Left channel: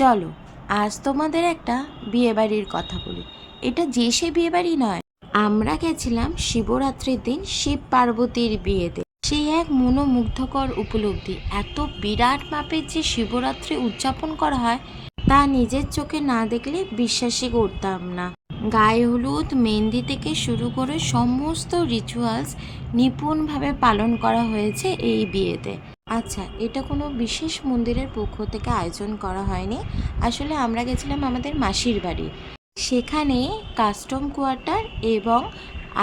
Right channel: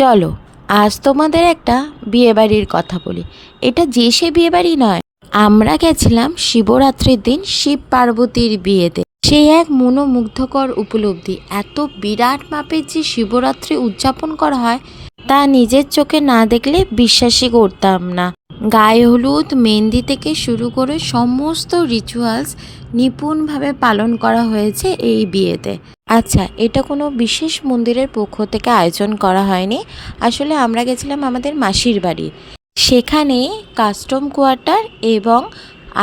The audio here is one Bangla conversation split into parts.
চলো আজ তোমাদের একটা বিয়েবাড়ির কথা বলি। এটা যে সে বিয়েবাড়ি নয়, আমরা গেছিলাম শিবরাত্রির দিন শিব পার্বতীর বিয়েতে। সে এক মনোমুগ্ধকর উপলব্ধি। এত বিরাট মাপের যে শিবরাত্রি উদযাপন করা হয় তা নিজের চোখে না দেখলে বিশ্বাসই করতাম না। গায়ে হলুদ, মেহেন্দি থেকে শুরু করে সমস্ত রিচুয়ালস নিপুণভাবে পালন করা হয়েছে এই বিয়েতে। আচ্ছা, এটা কোনো বিশেষ মন্দিরের পক্ষ থেকে আয়োজন করা হয়নি। আসলে আমরা গেছিলাম আমাদের মাসির বাড়ি। সেখানে কাস্টম কোয়ার্টার এবং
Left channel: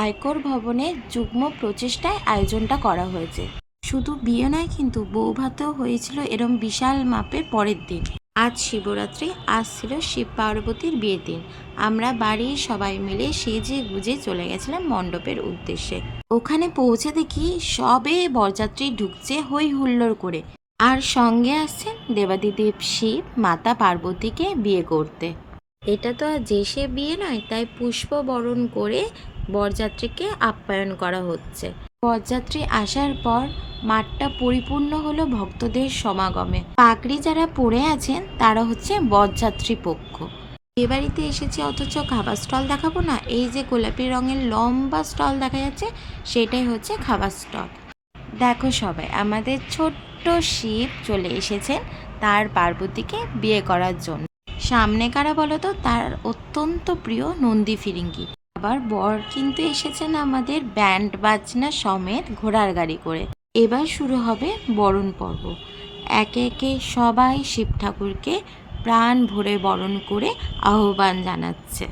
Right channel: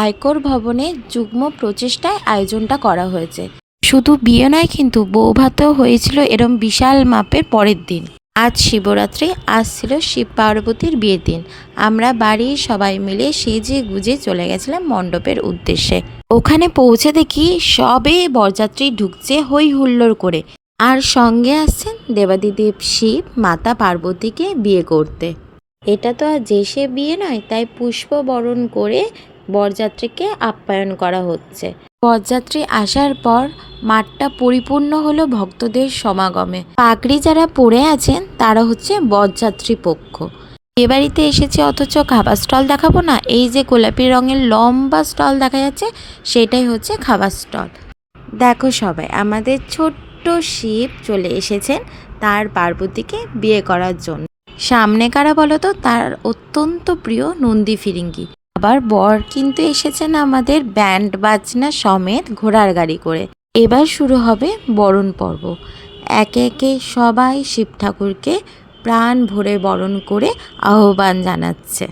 আয়কর ভবনের যুগ্ম প্রচেষ্টায় আয়োজনটা করা হয়েছে। শুধু বিয়ে নয় কিন্তু বৌভাতও হয়েছিল এরম বিশাল মাপের পরের দিন। আজ শিবরাত্রি, আজ ছিল শিব পার্বতীর বিয়ের দিন। আমরা বাড়ির সবাই মিলে সেজে গুজে চলে গেছিলাম মণ্ডপের উদ্দেশ্যে। ওখানে পৌঁছে দেখি সবে বরযাত্রী ঢুকছে হই হুল্লোড় করে, আর সঙ্গে আসছেন দেবাদিদেব শিব মাতা পার্বতীকে বিয়ে করতে। এটা তো আর যে সে বিয়ে নয়, তাই পুষ্প বরণ করে বরযাত্রীকে আপ্যায়ন করা হচ্ছে। বরযাত্রী আসার পর মাঠটা পরিপূর্ণ হলো ভক্তদের সমাগমে। পাগড়ি যারা পরে আছেন তারা হচ্ছে বরযাত্রী পক্ষ। বিয়েবাড়িতে এসেছে অথচ খাবার স্টল দেখাবো না? এই যে গোলাপি রঙের লম্বা স্টল দেখা যাচ্ছে, সেটাই হচ্ছে খাবার স্টল। দেখো সবাই, আমাদের ছোট্ট শিব চলে এসেছেন তার পার্বতীকে বিয়ে করার জন্য। সামনে কারা বলো তো? তার অত্যন্ত প্রিয় নন্দী ফিরিঙ্গি। আবার বর কিন্তু এসেছেন আমাদের ব্যান্ড বাজনা সমেত ঘোড়ার গাড়ি করে। এবার শুরু হবে বরণ পর্ব। একে একে সবাই শিব ঠাকুরকে প্রাণ ভরে বরণ করে আহ্বান জানাচ্ছে।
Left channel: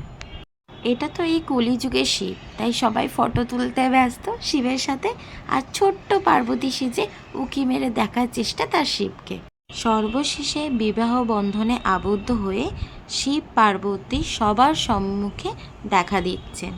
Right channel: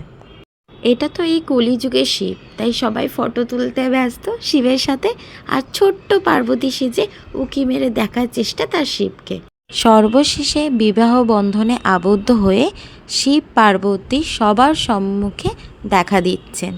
এটা তো এই কলিযুগের শিব, তাই সবাই ফটো তুলতে ব্যস্ত শিবের সাথে, আর ছোট্ট পার্বতী সেজে উঁকি মেরে দেখার চেষ্টা তার শিবকে। সর্বশেষে বিবাহ বন্ধনে আবদ্ধ হয়ে শিব পার্বতী সবার সম্মুখে দেখা দিচ্ছেন।